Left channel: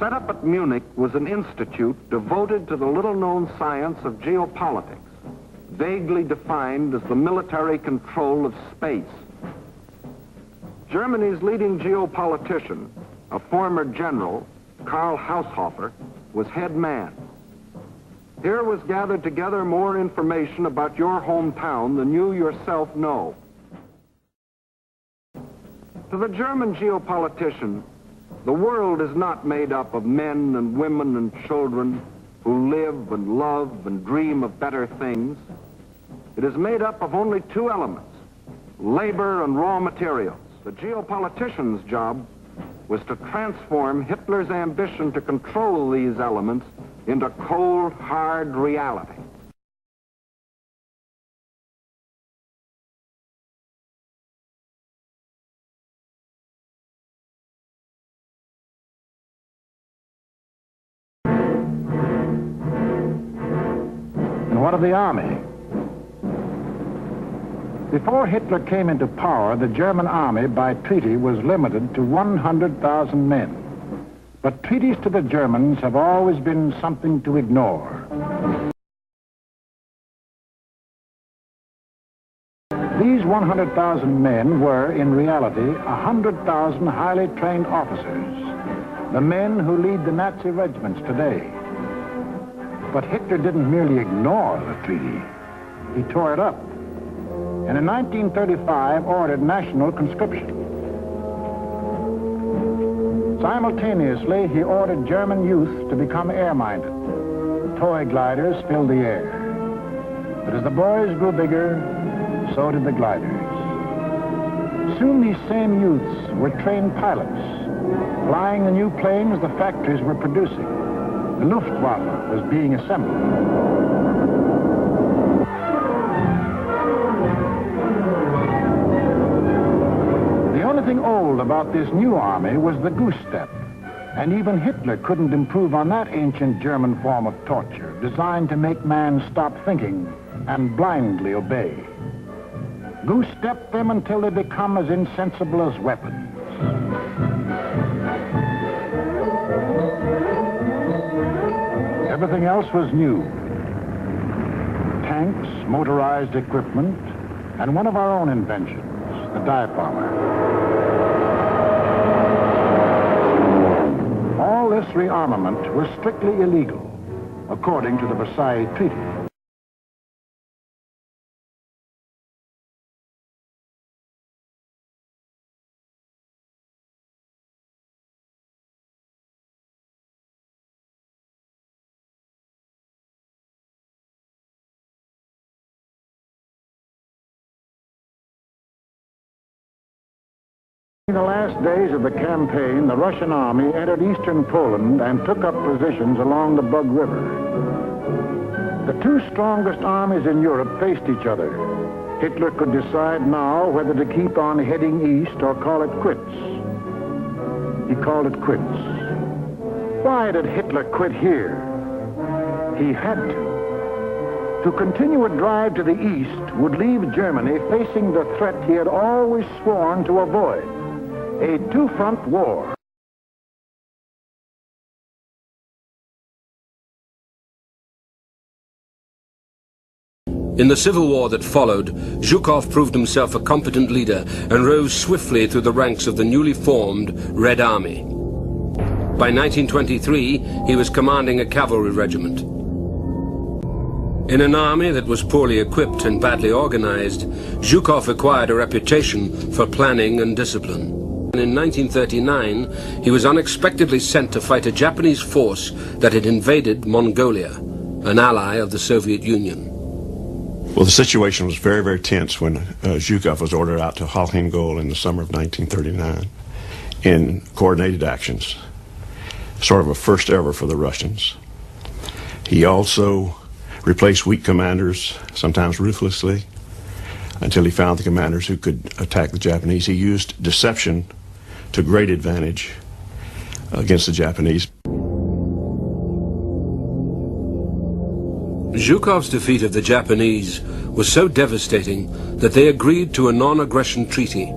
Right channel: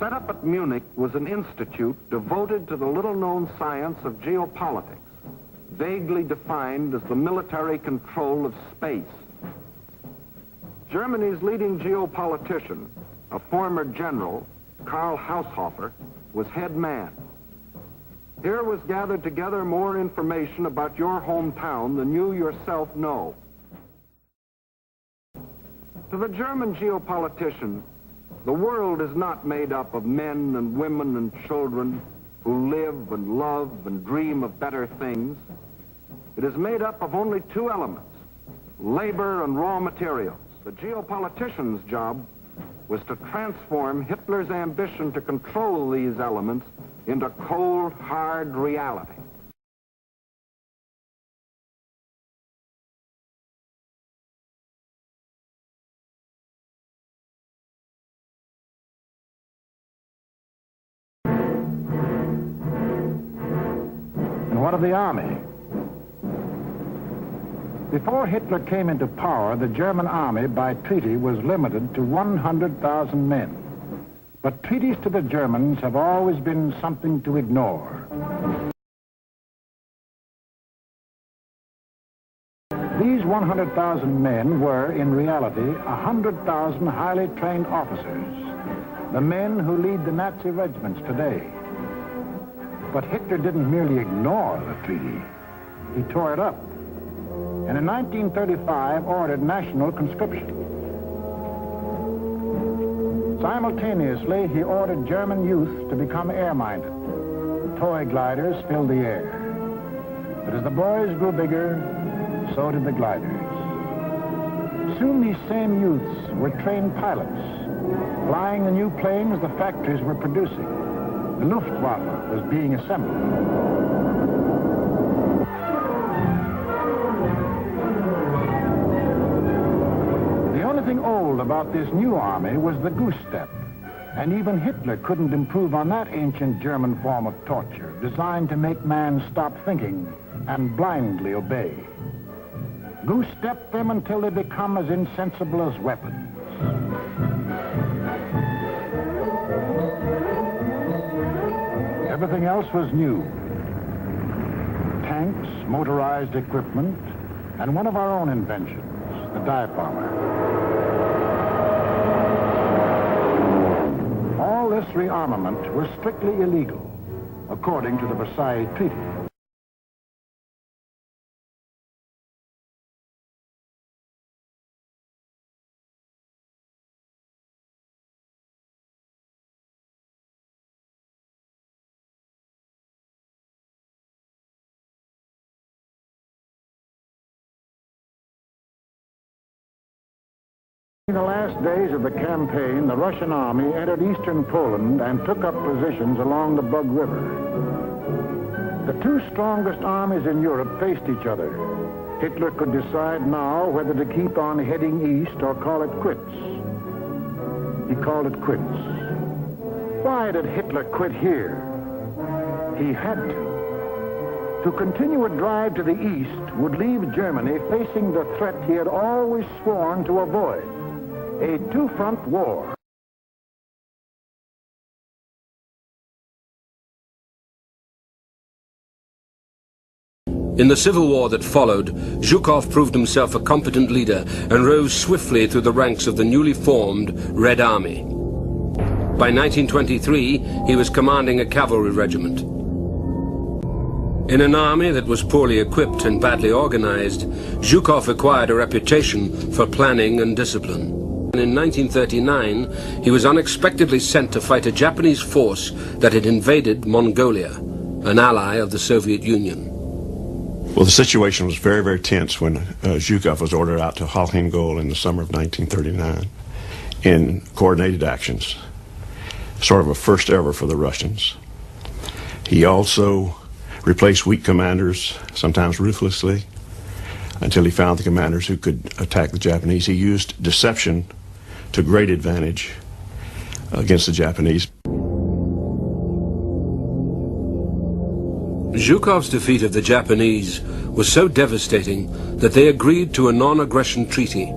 set up at Munich was an institute devoted to the little-known science of geopolitics, vaguely defined as the military control of space. Germany's leading geopolitician, a former general, Karl Haushofer, was head man. Here was gathered together more information about your hometown than you yourself know. To the German geopolitician, the world is not made up of men and women and children who live and love and dream of better things. It is made up of only two elements, labor and raw material. The geopolitician's job was to transform Hitler's ambition to control these elements into cold, hard reality. And what of the army? Before Hitler came into power, the German army by treaty was limited to 100,000 men. But treaties to the Germans have always been something to ignore. These 100,000 men were, in reality, 100,000 highly trained officers, the men who lead the Nazi regiments today. But Hitler didn't merely ignore the treaty. He tore it up, and in 1935 ordered national conscription. Simultaneously, he ordered German youth to become air-minded. Toy gliders filled the air. But as the boys grew bigger, so did the gliders. Soon these same youths were trained pilots, flying the new planes the factories were producing. The Luftwaffe was being assembled. The only thing old about this new army was the goose step, and even Hitler couldn't improve on that ancient German form of torture, designed to make man stop thinking and blindly obey. Goose step them until they become as insensible as weapons. Everything else was new. Tanks, motorized equipment, and one of our own inventions, the dive bomber. All this rearmament was strictly illegal, according to the Versailles Treaty. In the last days of the campaign, the Russian army entered eastern Poland and took up positions along the Bug River. The two strongest armies in Europe faced each other. Hitler could decide now whether to keep on heading east or call it quits. He called it quits. Why did Hitler quit here? He had to. To continue a drive to the east would leave Germany facing the threat he had always sworn to avoid. A two-front war. In the civil war that followed, Zhukov proved himself a competent leader and rose swiftly through the ranks of the newly formed Red Army. By 1923, he was commanding a cavalry regiment. In an army that was poorly equipped and badly organized, Zhukov acquired a reputation for planning and discipline. In 1939, he was unexpectedly sent to fight a Japanese force that had invaded Mongolia, an ally of the Soviet Union. Well, the situation was very, very tense when Zhukov was ordered out to Khalkhin in the summer of 1939 in coordinated actions, sort of a first ever for the Russians. He also replaced weak commanders, sometimes ruthlessly, until he found the commanders who could attack the Japanese. He used deception to great advantage against the Japanese. Zhukov's defeat of the Japanese was so devastating that they agreed to a non-aggression treaty.